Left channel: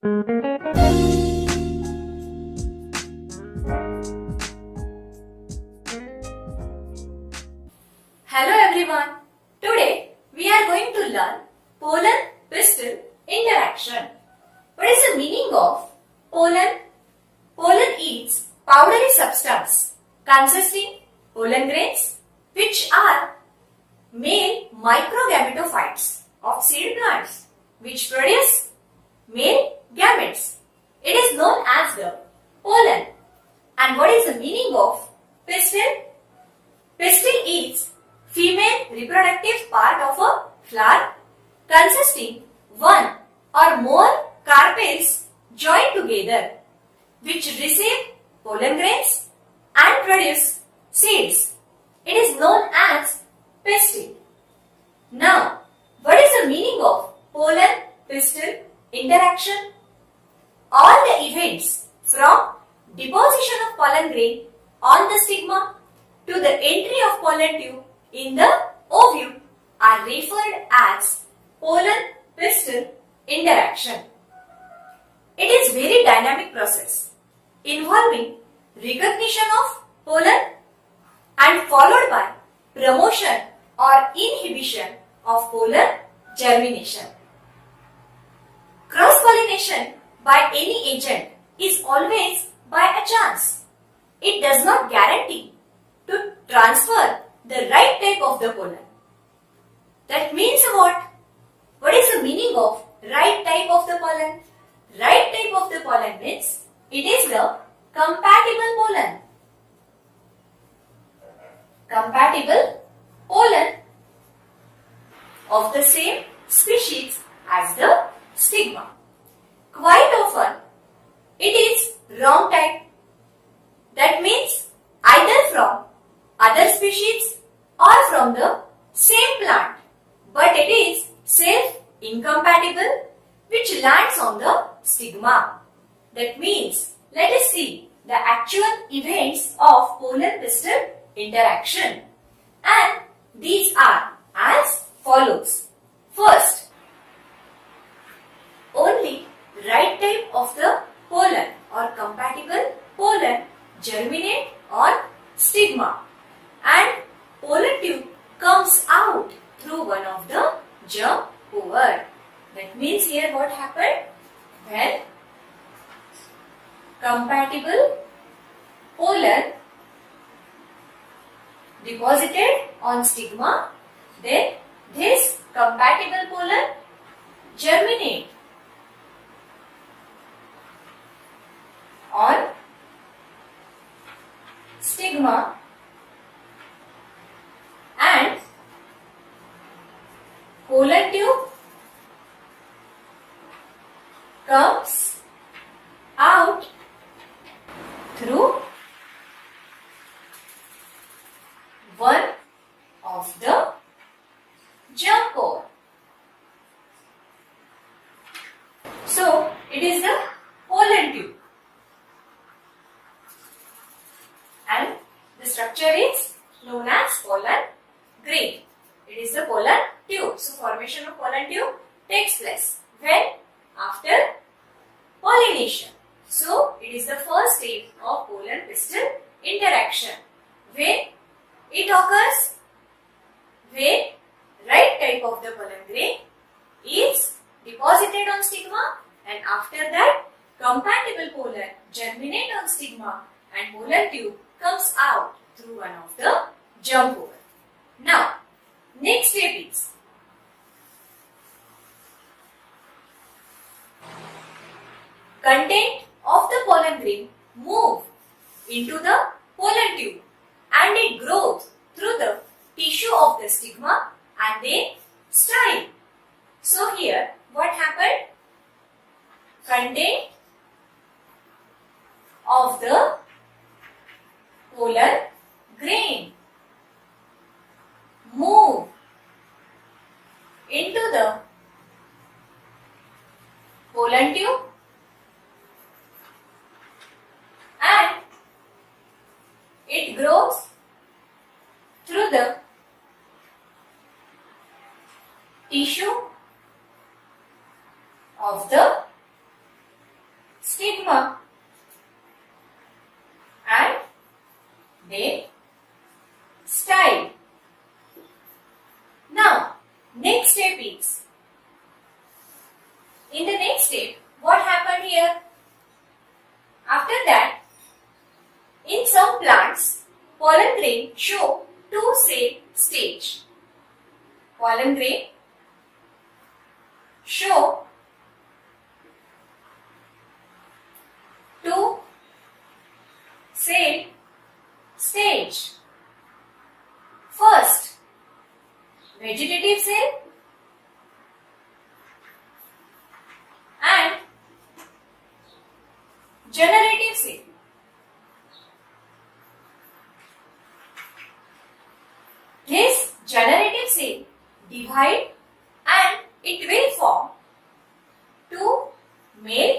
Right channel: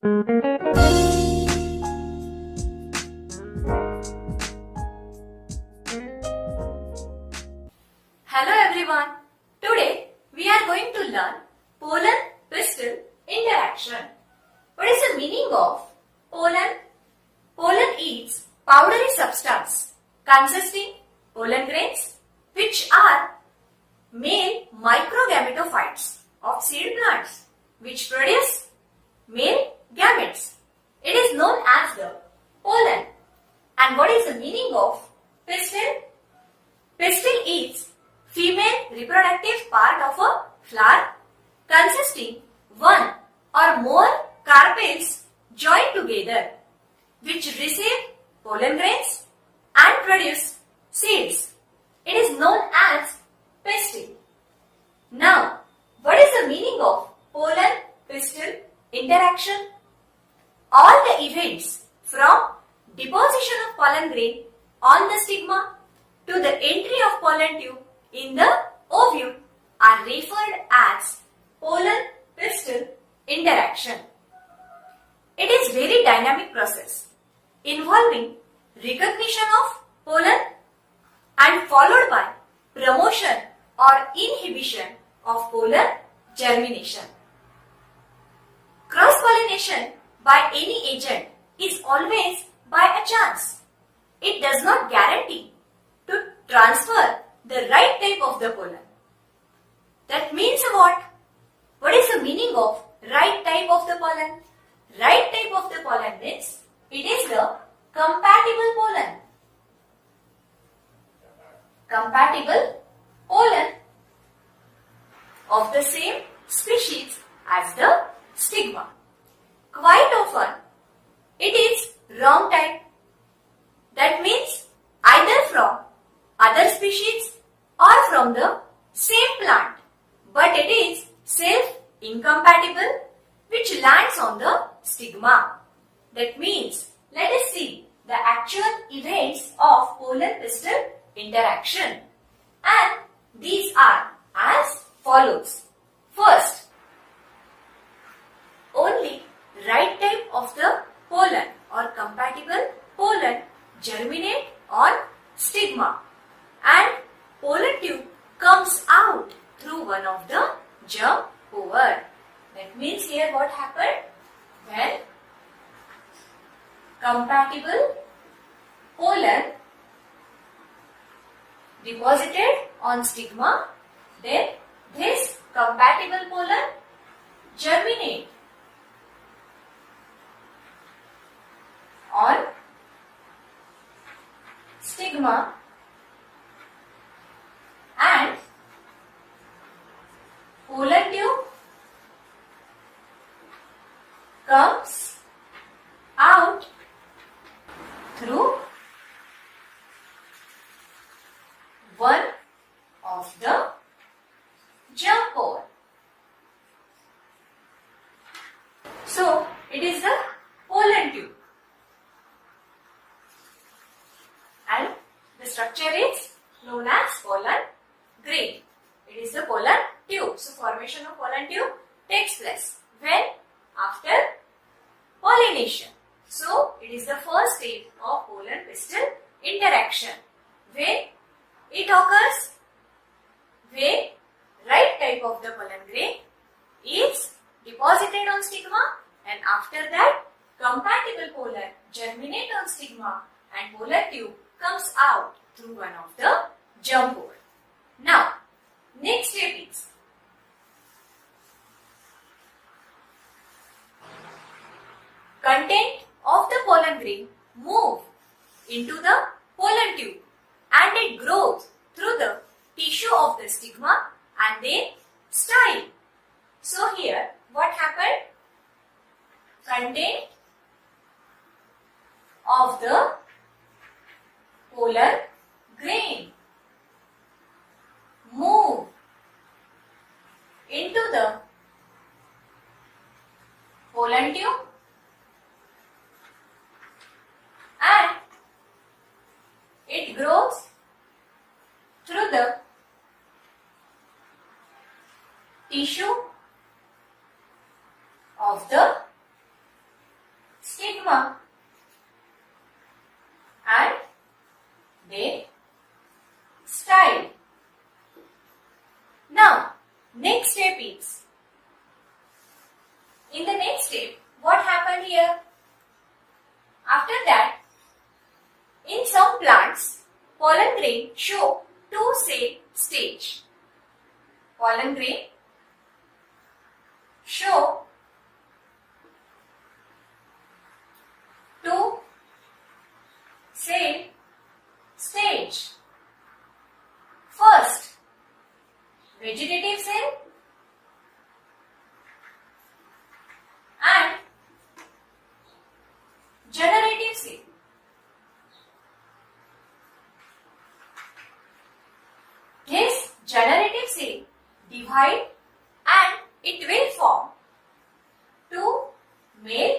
Hello everyone. Today we are going to learn pollen-pistil interaction. What is the meaning of pollen? Pollen is powdery substance consisting pollen grains which are male microgametophytes of seed plants which produce male gametes. It is known as the pollen. And what is the meaning of pistil? Pistil is female reproductive part of a flower consisting one or more carpels joined together which receive pollen grains and produce seeds. It is known as pistil. Now, what is the meaning of pollen-pistil interaction? All the events from deposition of pollen grain on the stigma to the entry of pollen tube in the ovule are referred as pollen-pistil interaction. It is very dynamic process involving recognition of pollen and followed by promotion or inhibition of pollen germination. Cross-pollination by any agent is always by a chance. It does not guarantee to transfer the right type of the pollen. That means what? What is the meaning of right type of the pollen? Right type of the pollen means it is the compatible pollen. Compatible pollen of the same species as the stigma. Quite often it is wrong type. That means either from other species or from the same plant, but it is self-incompatible which lands on the stigma. That means let us see the actual events of pollen-pistil interaction, and these are as follows. First, only right type of the pollen or compatible pollen germinate on stigma and pollen tube comes out through one of the germ over. That means here what happened? When compatible pollen deposited on stigma, then this compatible pollen germinate on stigma and pollen tube comes out through one of the germ pore. So, it is the pollen tube and the structure is known as pollen grain. It is the pollen tube. So, formation of pollen tube takes place when? After pollination. So, it is the first step of pollen-pistil interaction. When it occurs? When right type of the pollen grain is deposited on stigma and after that compatible pollen germinate on stigma and pollen tube comes out through one of the germ pore. Now, next step is content of the pollen grain move into the pollen tube and it grows through the tissue of the stigma and then style. So here what happened? Content of the pollen grain move into the pollen tube and it grows through the tissue of the In the next step, what happened here? After that, in some plants, pollen grain show two-cell stage. Pollen grain show two-cell stage. First, vegetative cell and generative cell. This generative cell divide and it will form two male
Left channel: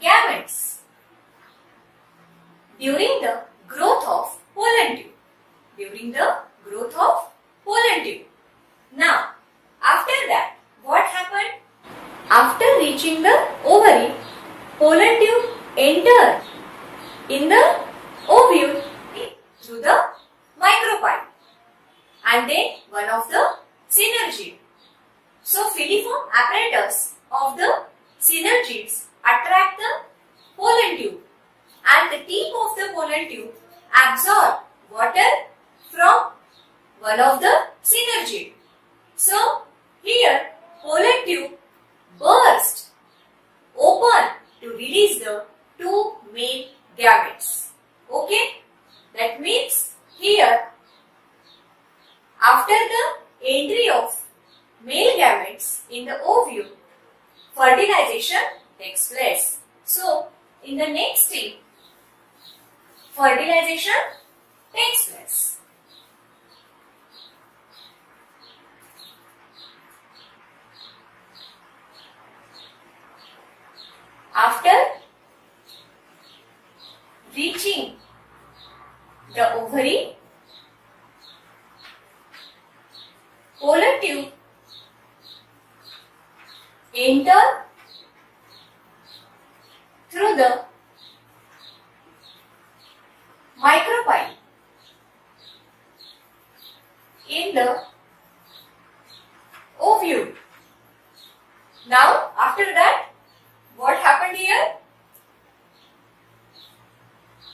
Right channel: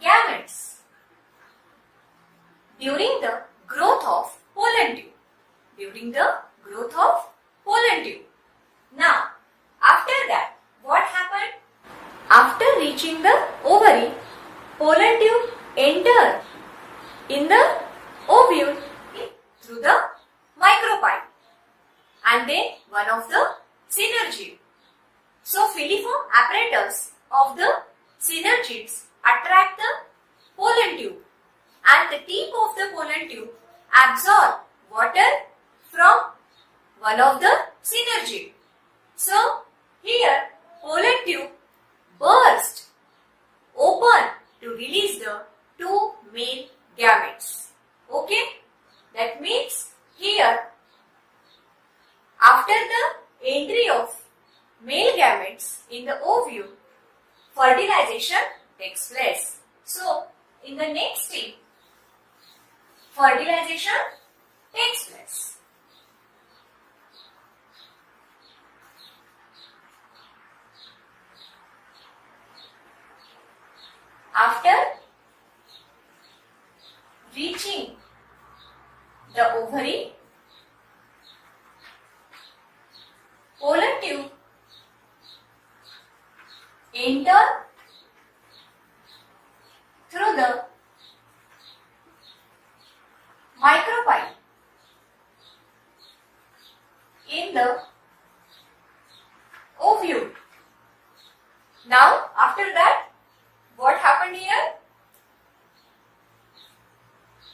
gametes during the growth of pollen tube. Now, after that, what happened? After reaching the ovary, pollen tube enter in the ovule through the micropyle and then one of the synergy. So, filiform apparatus of the synergids attract the pollen tube and the tip of the pollen tube absorb water from one of the synergid. So, here pollen tube burst open to release the two male gametes. Okay? That means here after the entry of male gametes in the ovule, fertilization takes place. So, in the next step, fertilization takes place. After reaching the ovary, pollen tube enter through the micropyle in the ovule. Now, after that, what happened here?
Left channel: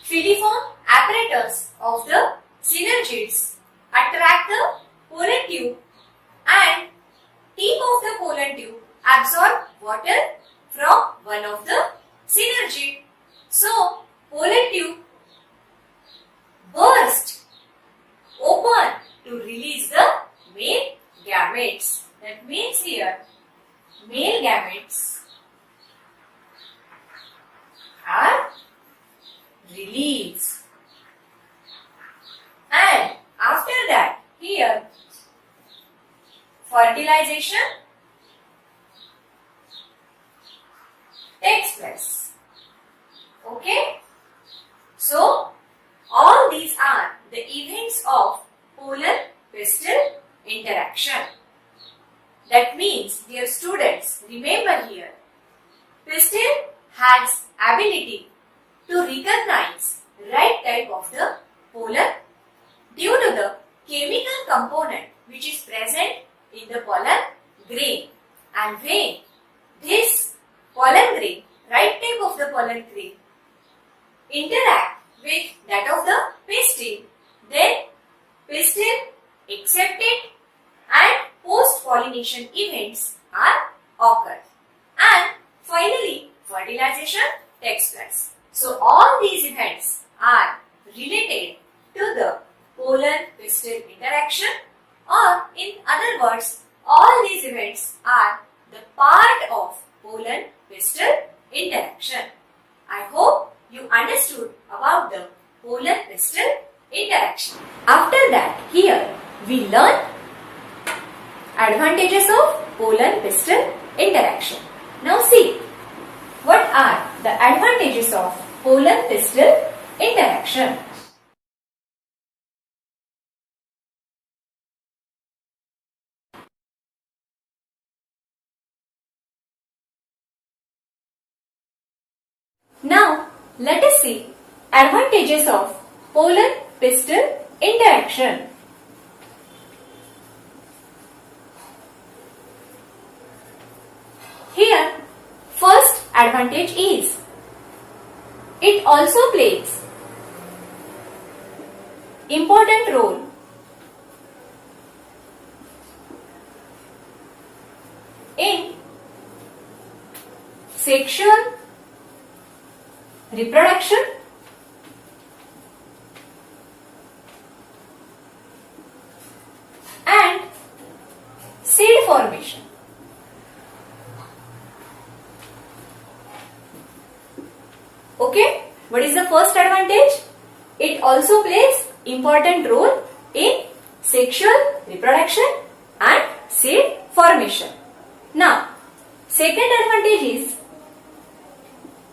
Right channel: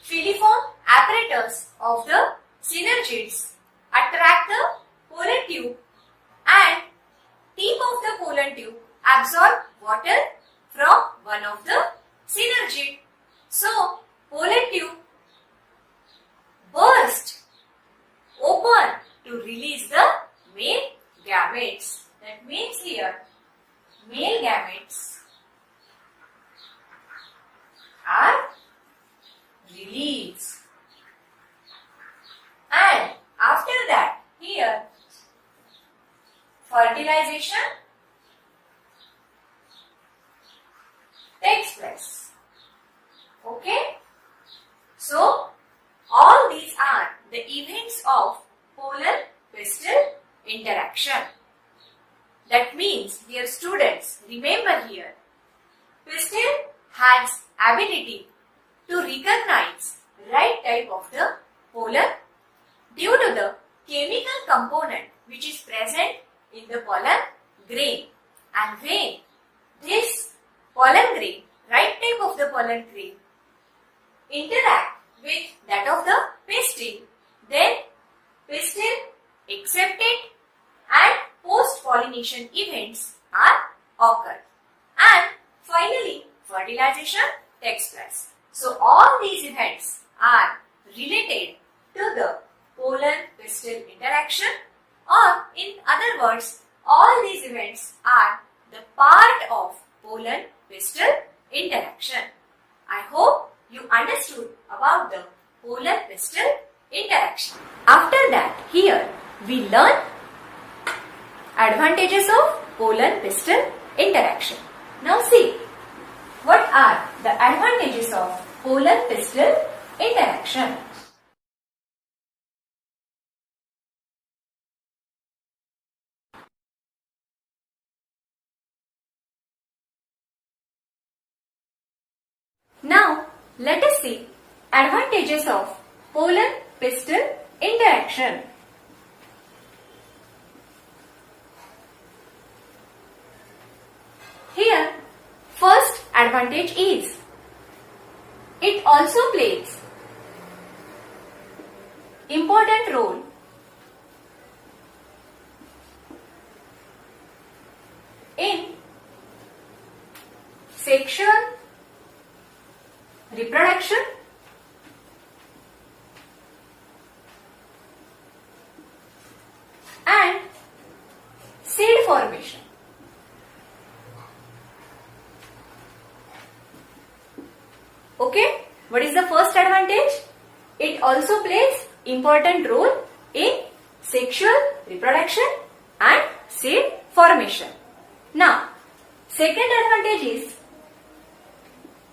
Filiform apparatus of the synergids attract the pollen tube and tip of the pollen tube absorb water from one of the synergid. So, pollen tube burst open to release the male gametes. That means here male gametes are released. And after that, here fertilization takes place. Okay? So, all these are the events of pollen-pistil interaction. That means, dear students, remember here, pistil has ability to recognize right type of the pollen due to the chemical component which is present in the pollen grain. And when this pollen grain, right type of the pollen grain, interact with that of the pistil, then pistil accepted and post-pollination events are occurred. And finally, fertilization takes place. So, all these events are related to the pollen-pistil interaction, or in other words, all these events are the part of pollen-pistil interaction. I hope you understood about the pollen-pistil interaction. After that, here we learn advantages of pollen-pistil interaction. Now see, what are the advantages of pollen-pistil interaction? Now, let us see advantages of pollen-pistil interaction. Here, advantage is it also plays important role in sexual reproduction and seed formation. Okay, what is the first advantage? It also plays important role in sexual reproduction and seed formation. Now, second advantage is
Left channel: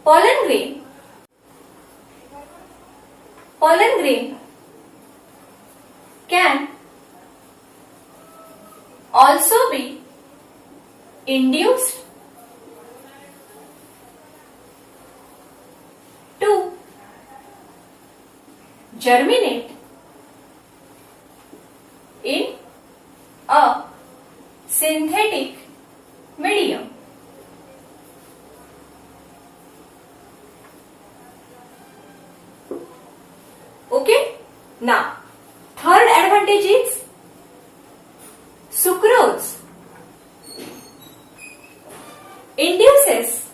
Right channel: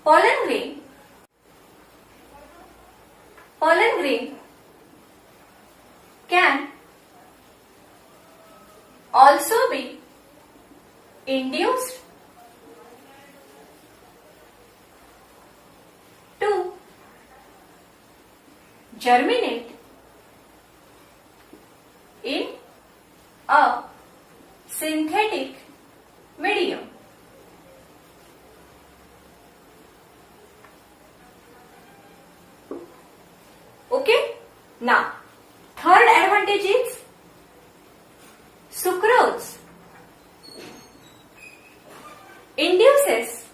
pollen grain. Pollen grain can also be induced to germinate in a synthetic medium. Okay, now third advantage is sucrose induces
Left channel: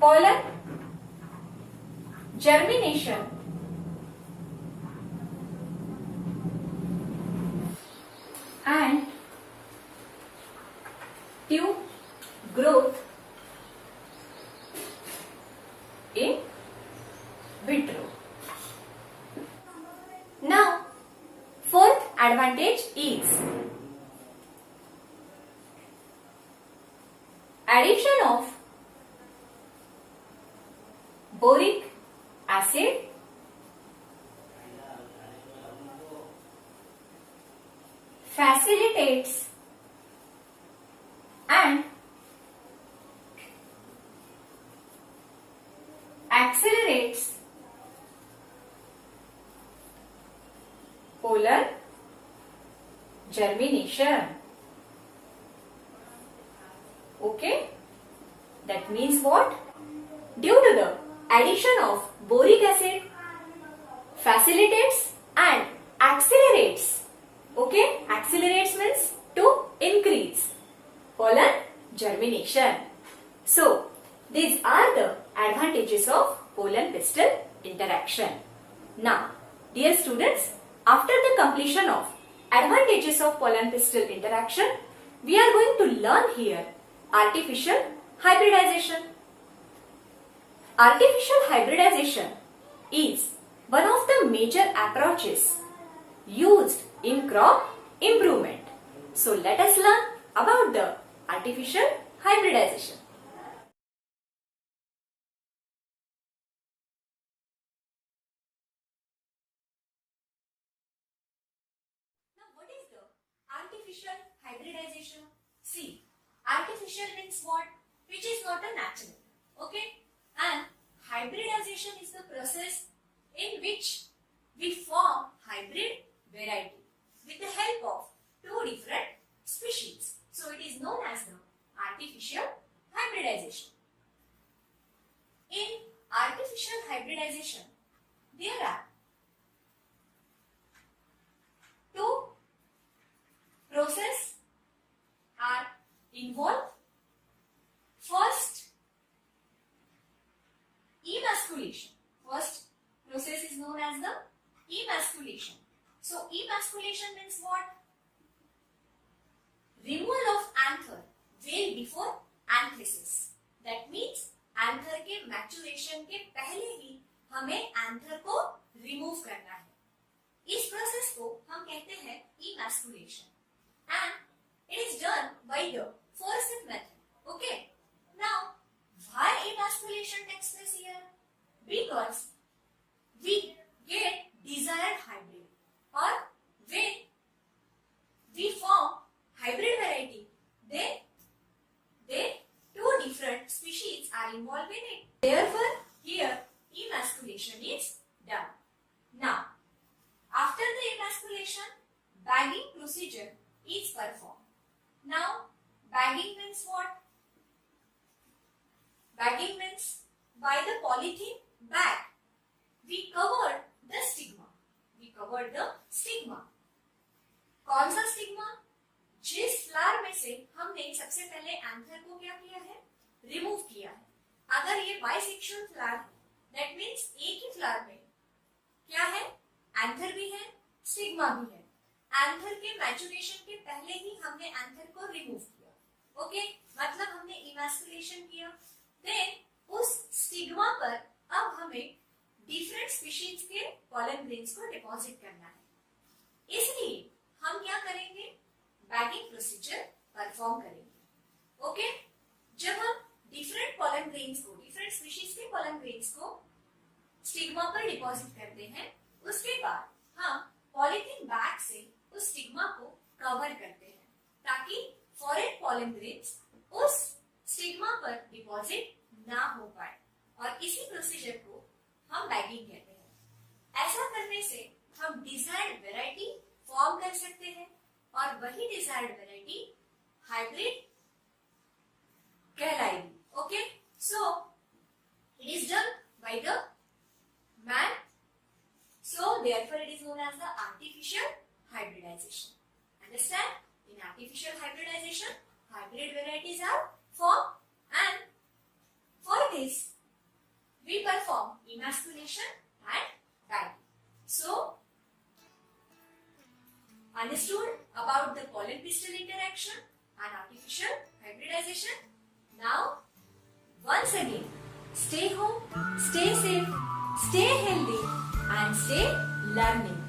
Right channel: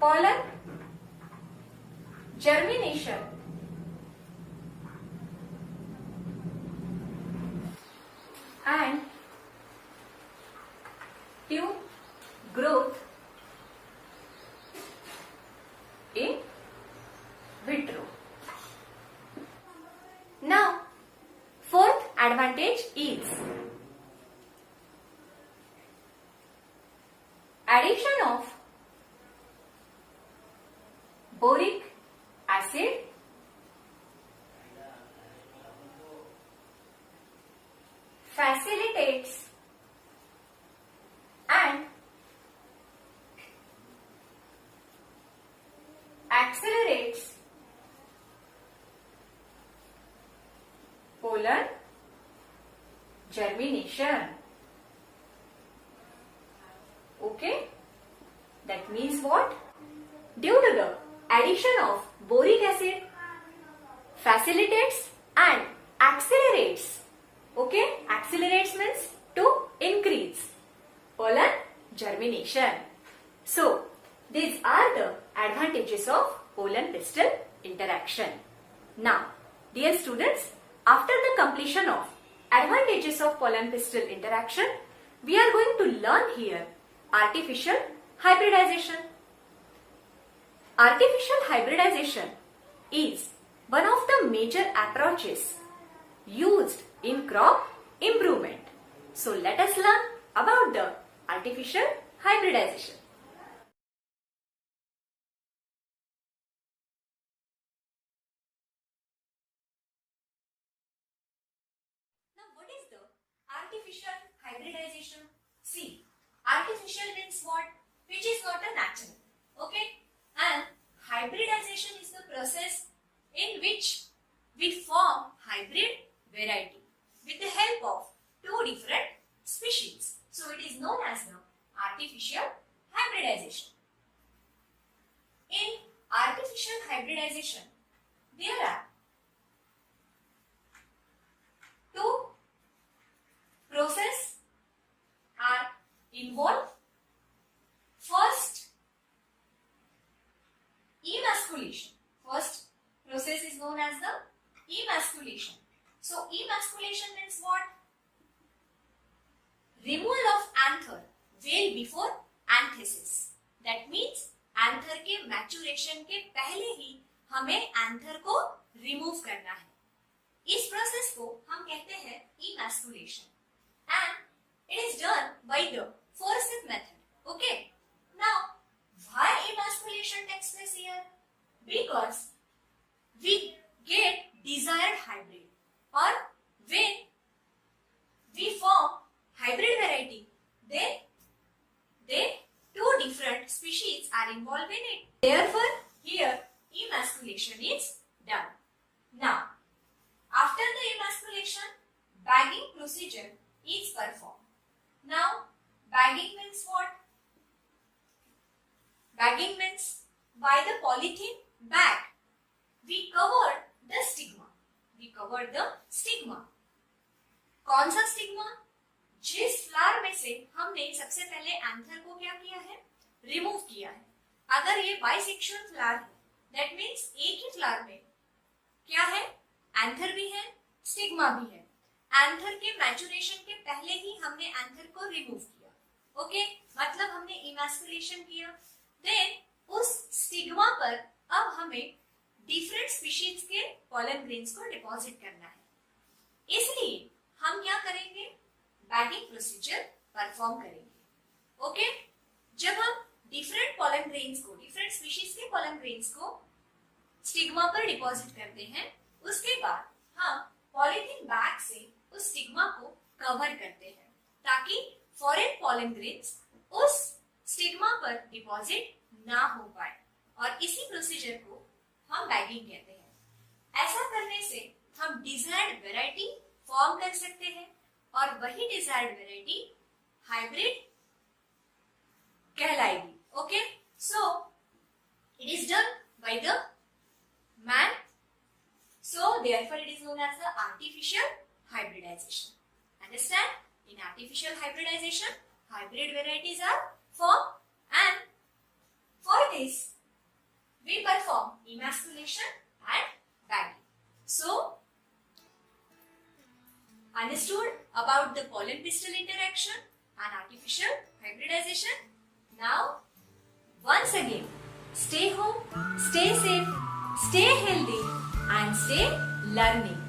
pollen germination and tube growth in vitro. Now, fourth advantage is addition of boric acid facilitates and accelerates pollen germination. Okay, that means what? Due to the addition of boric acid facilitates and accelerates. Okay, accelerates means to increase pollen germination. So, these are the advantages of pollen pistil interaction. Now, dear students, after the completion of advantages of pollen pistil interaction, we are going to learn here artificial hybridization. Artificial hybridization is one of the major approaches used in crop improvement. So let us learn about the artificial hybridization. Now what is the artificial hybridization? See, artificial means what? Which is not a natural. Okay? And hybridization is the process in which we form hybrid variety with the help of two different species. So it is known as the artificial hybridization. In artificial hybridization, there are two processes are involved. First, emasculation. First process is known as the emasculation. So emasculation means what? Removal of anther well before anthesis. That means anther के maturation के पहले ही हमें anther को remove करना है. इस process को हम कहते हैं emasculation and it is done by the forceps method. Okay. Now, why emasculation takes place here? Because we get desired hybrid, or when we form hybrid variety, then two different species are involved in it. Therefore, here emasculation is done. Now, after the emasculation, bagging procedure is performed. Now, bagging Bagging means by the polythene bag we covered the stigma. We covered the stigma. कौन सा stigma? जिस flower में से हमने सबसे पहले anther को क्या किया है? रिमूव किया है. अगर ये बाइसेक्सुअल फ्लावर है, दैट मीन्स एक ही फ्लावर में क्या है? एंथर भी है, स्टिग्मा भी है. एंथर के मैचुरेशन के पहले ही हमने एंथर को रिमूव किया. ओके, मतलब हमने इमैस्कुलेशन किया. देन उस स्टिग्मा पर अब हमें डिफरेंट स्पीशीज के पॉलन ग्रेन्स को डिपॉजिट करना है. इसलिए हम क्या करेंगे? बैगिंग प्रोसीजर परफॉर्म करेंगे. ओके, जब हम डिफरेंट पॉलन ग्रेन्स को, डिफरेंट स्पीशीज के पॉलन ग्रेन्स को स्टिग्मा पर डिपॉजिट करते हैं, उसके बाद हम पॉलीथीन बैग से उस स्टिग्मा को कवर करते हैं ताकि फॉरेन पॉलन ग्रेन्स उस स्टिग्मा पर डिपॉजिट ना हो पाए. और इसी प्रोसीजर को हम बैगिंग कहते हैं. ऐसा करने से हम डिजायर्ड वैरायटी फॉर्म कर सकते हैं और वही डिजायर्ड वैरायटी हाइब्रिड कहलाएगी. Okay, so it is done by the man, so therefore it is known as the artificial hybridization. Understand? In artificial hybridization, hybrid varieties are formed, and for this we perform emasculation and bagging. So understood about the pollen pistil interaction and artificial hybridization. Now once again, stay home, stay safe, stay healthy and stay learning.